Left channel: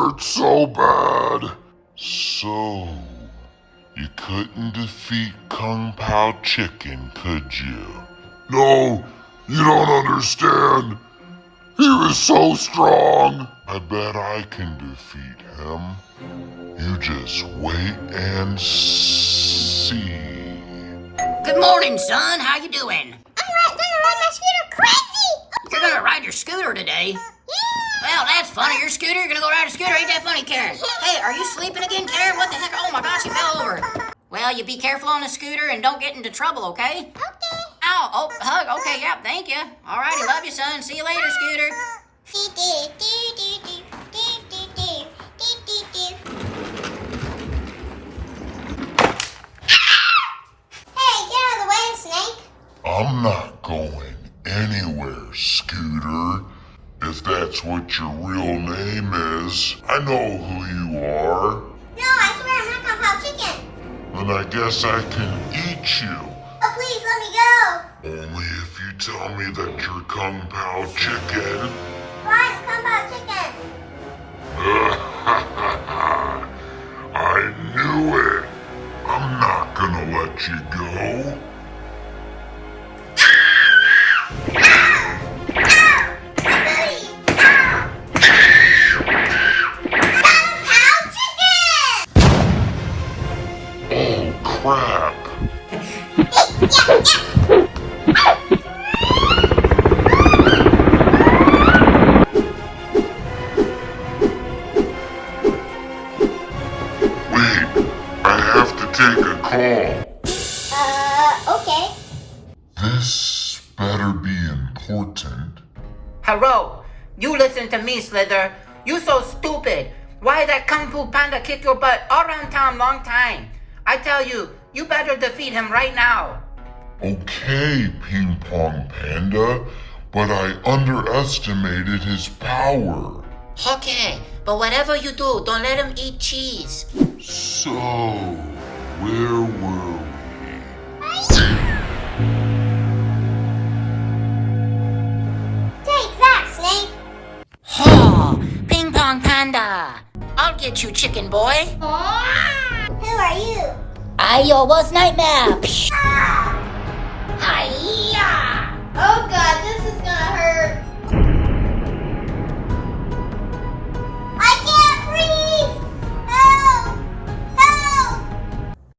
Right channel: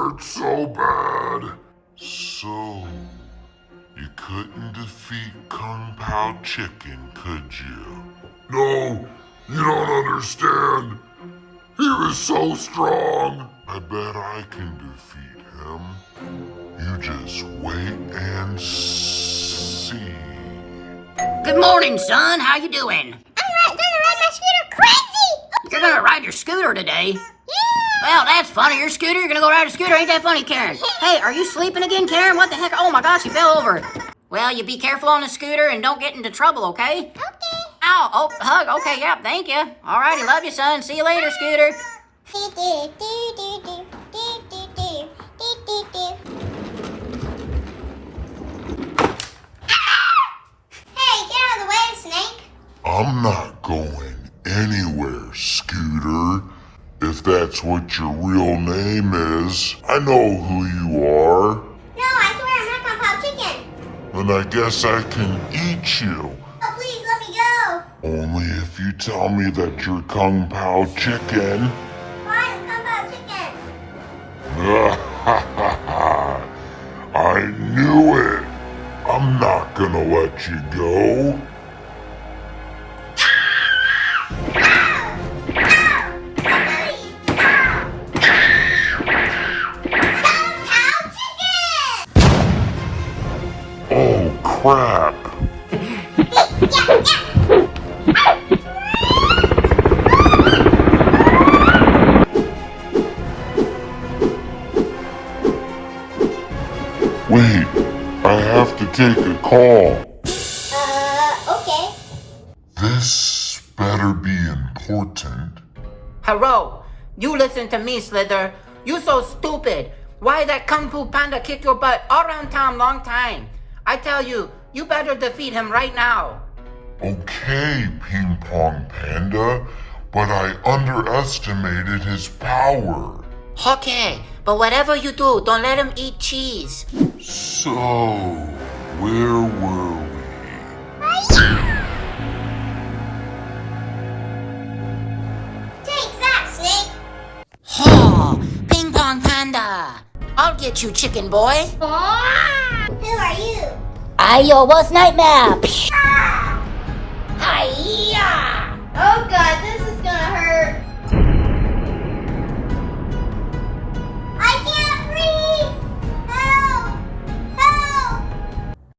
hurts so bad. So, you couldn't defeat Kung Pao Chicken, could you? No, you don't understand. He was so strong. I bet I can defeat him. You just wait and see. Good morning, son. How you doing? I'm gonna ride my scooter crazy! You're gonna ride your scooter today? Yeah! Well, that's funny. Your scooter? You're gonna go ride a scooter? Ain't that funny, Karen? Hey, are you sleeping again, Karen? What the heck? Oh my gosh, you fell over. Well, you be careful on the scooter and don't get into trouble, okay? Okay. Ow, oh, hug. Okay, yep, thank you. Alrighty, love you, son. See you later, scooter. Hey, get out of the way, Snake. I'm not going anywhere, Scooter. If that's what your real name is, I know who you are. No, I swear I'm not Kung Pao Chicken. Then I guess I can eat you. Oh, please let me go. Only if you tell me that you're Kung Pao Chicken. Fine, Kung Pao Chicken. I knew it. I'm not gonna let you go. Oh, crap. Wait, I have to take a call. Okay. This better be important. Hello. You listen to me, Slither. You so stupid. Why that Kung Fu Panda kick your butt all around town long time? I tell you, you better defeat him right now. Okay, Ping Pong Panda, but I underestimated his power. Okay, but whatever you do, don't let him eat cheese. So, where were we? Take that, Snake. Oh, Ping Pong Panda. I'll get you, chicken boy. Who are you? I your worst nightmare. Oh God, this is gonna hurt.